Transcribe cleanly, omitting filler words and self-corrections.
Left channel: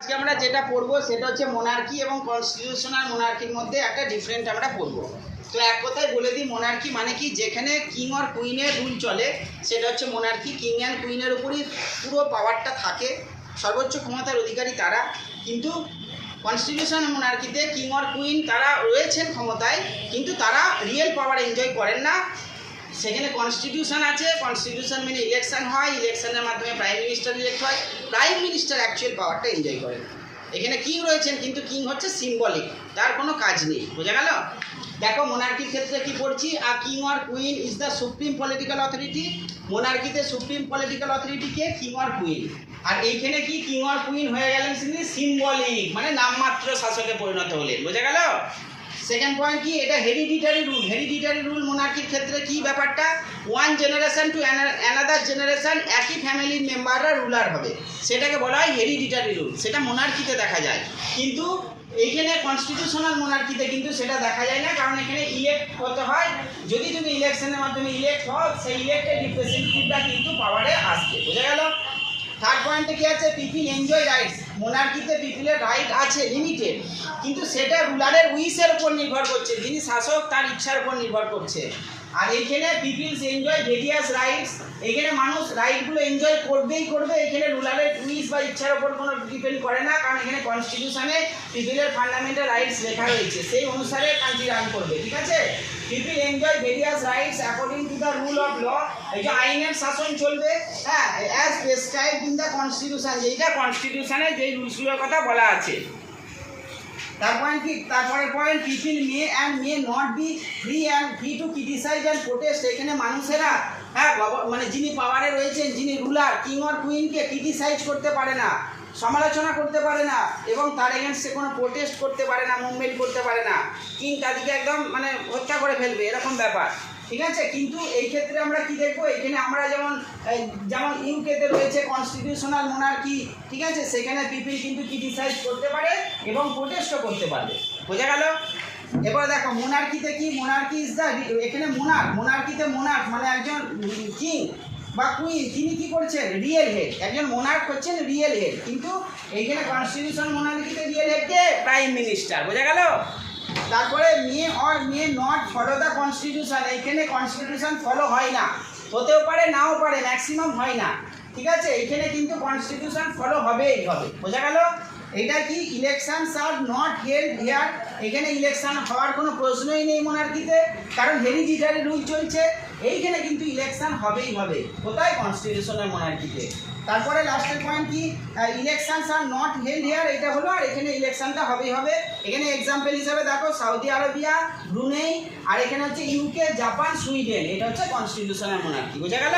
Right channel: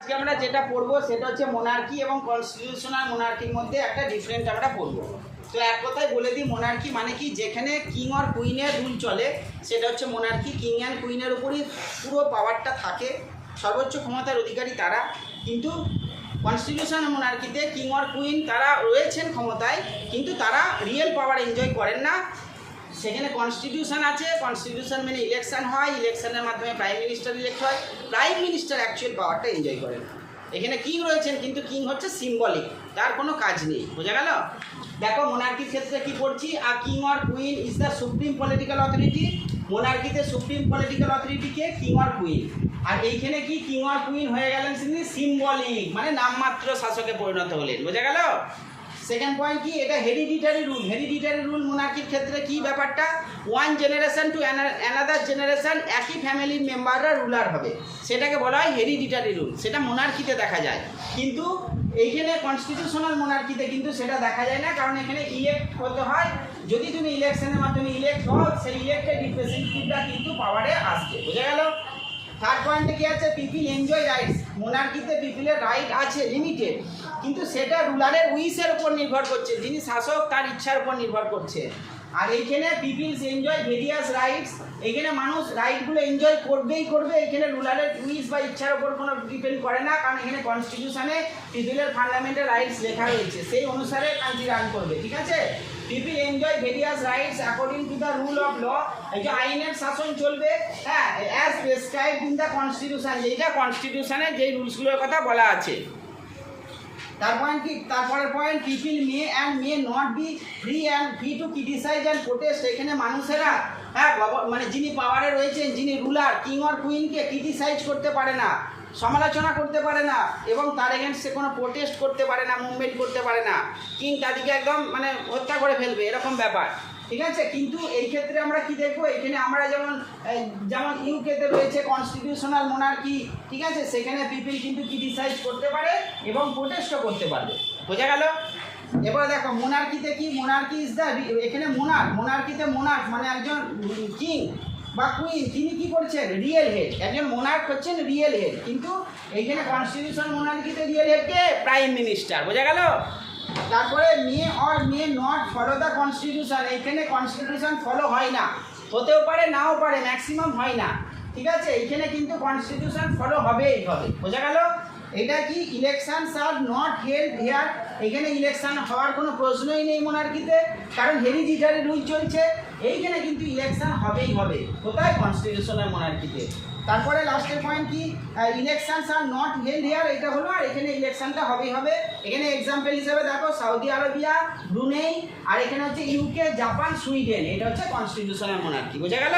আজকে আমরা যেটা পড়বো সেটা হচ্ছে মোনার্কি এবং কনস্টিটিউশনাল মোনার্কির মধ্যে একটা ডিফারেন্ট আমরা পড়বো। তো এক কথায় বলে দিই, মোনার্কি মানে কি, যেখানে কিং আর কুইনের রুল চলে সেটা হচ্ছে মোনার্কি। কিং অ্যান্ড কুইনের উপরই পুরো পাওয়ারটা থাকে, সর্বোচ্চ ক্ষমতার অধিকারী তারা। কিন্তু কনস্টিটিউশনাল মোনার্কিতে কিং আর কুইন তারা রয়েছেন ক্ষমতায়, কিন্তু তারা রিয়েল পাওয়ার এনজয় করেন না। সেখানে কনস্টিটিউশন আছে, কনস্টিটিউশন মেনে ইলেকশন হয়, ইলেকশনের মাধ্যমে প্রাইম মিনিস্টার ইলেক্ট হয়, প্রাইম মিনিস্টার অ্যাকচুয়াল পাওয়ারটা এনজয় করেন। এখানে কিং রয়েছেন কিন্তু কিং হচ্ছে সিম্বলিক, তার কোনো কাজ নেই। বোঝা গেল? দেখো মোনার্কির ক্ষেত্রে কি পড়ছি, আর কিং আর queen is the supreme political authority. মোনার্কিতে সুপ্রিম পলিটিক্যাল অথরিটি কে? কিং আর কুইন। আর এইখানে কি কিং আর কুইন হয়ে গেলেন সিম্বলিক, মানে নামমাত্র শাসকে পরিণত হলেন। বোঝা গেল? সেকেন্ড পয়েন্ট কি, এটা হেরিডিটারি রুল। হেরিডিটারি রুল মোনার্কির ক্ষেত্রে কি ব্যাপারটা, one generation to another generation একই ফ্যামিলির মেম্বাররা রুলার হবে, সেটাকে বলা হয় হেরিডিটারি রুল। সেটা মোনার্কিতে দেখা যায়, কিন্তু এইখানে কনস্টিটিউশনাল মোনার্কিতে কিন্তু সেটা দেখা যায় না, কারণ এখানে ইলেক্ট হতে হয়। যদি তুমি ইলেকশনের মাধ্যমে ইলেক্ট হও, সেই ইলেক্টেড রিপ্রেজেন্টেটিভরা কিন্তু পাওয়ারে আসবে। বোঝা গেল? থার্ড পয়েন্টে কি আছে, পিপিল এনজয় রাইটস। মোনার্কিতে পিপিলের রাইট আছে লিমিটেড, কিন্তু সেটা রুলারের উইশের উপর নির্ভর করছে, যিনি শাসক তার ইচ্ছার উপর নির্ভর করছে। আর এইখানে পিপিলস এনজয় ভেরিয়াস রাইটস, এখানে মানুষ রাইটগুলো এনজয় করবেই করবে। এখানে রুলারের উইশ বা ইচ্ছার উপর কোনো ডিপেন্ড করে না, কারণ এখানে কনস্টিটিউশনে পিপিলের ফান্ডামেন্টাল রাইটস লেখা রয়েছে, সেই অনুসারে কান্ট্রি রান করবে। ঠিক আছে? People enjoy various rights according to the rule of law. এই যে আইনের শাসন চলবে, হ্যাঁ, as prescribed in the constitution, যেটা কনস্টিটিউশনে যেই রুলসগুলোর কথা বলা আছে। তারপরের point, people may and may not be free to criticise and protest. এখানে মানুষেরা, হ্যাঁ, মানে যিনি পাওয়ারে রয়েছেন, যিনি রুলার, কিং অর কুইনকে ক্রিটিসাইজ করতে পারে না, সমালোচনা করতে পারে না, এবং তার এগেনস্টে কোনো প্রোটেস্ট করতে পারে না, মুভমেন্ট করতে পারে না। কিং তাদেরকে একদম মানে হত্যা করে ফেলবে, এরকম ব্যাপার। ঠিক আছে? কিন্তু এই ক্ষেত্রে আমরা কি দেখবো, এখানে আমরা যেমন ইউকেতে রয়েছে কনস্টিটিউশনাল মোনার্কি, ঠিক আছে, সেখানে পিপিল কিন্তু ক্রিটিসাইজ করতে পারে এবং প্রোটেস্টও করতে পারবে। বোঝা গেল? এবার দেখো মোনার্কিতে কি, মোনার্কি ইজ দ্য, এখানে মোনার্কিতে মোনার্ক মানে একজন কিং বা কুইন, তিনি কি করছেন, রিয়েল হেড। একজন মোনার্ক হচ্ছেন রিয়েল হেড, কিন্তু এইখানে কনস্টিটিউশন মোনার্কিতে রিয়েল হেড কে? Prime minister. বোঝা গেল? তারপরে may not follow the constitution, এইখানে কনস্টিটিউশন ফলো হয় না, হতেও পারে নাও পারে, ম্যাক্সিমাম হয় না। ঠিক আছে? এইখানে কিন্তু কনস্টিটিউশন ফলো হবেই হবে। বোঝা গেল? এটা কি, election are not held here, এখানে ইলেকশন হওয়ার কোনো প্রশ্নই নেই মোনার্কিতে, কারণ হেরিডিটারি রুল চলছে। এইখানে কিন্তু ইলেকশন হবেই হবে, কোথায়? কনস্টিটিউশনাল মোনার্কিতে। তারপরে লাস্টের পয়েন্ট কি, elections R not held here, এটা হলো, আর এখানে ইলেকশনটা হবেই হবে। এখানে এক্সাম্পল হিসাবে দেখো সৌদি আরবিয়া, ব্রুনেই, আর এখানে হচ্ছে ইউকে, জাপান, সুইডেন, এটা হচ্ছে কনস্টিটিউশনাল মোনার্কি। বোঝা গেল?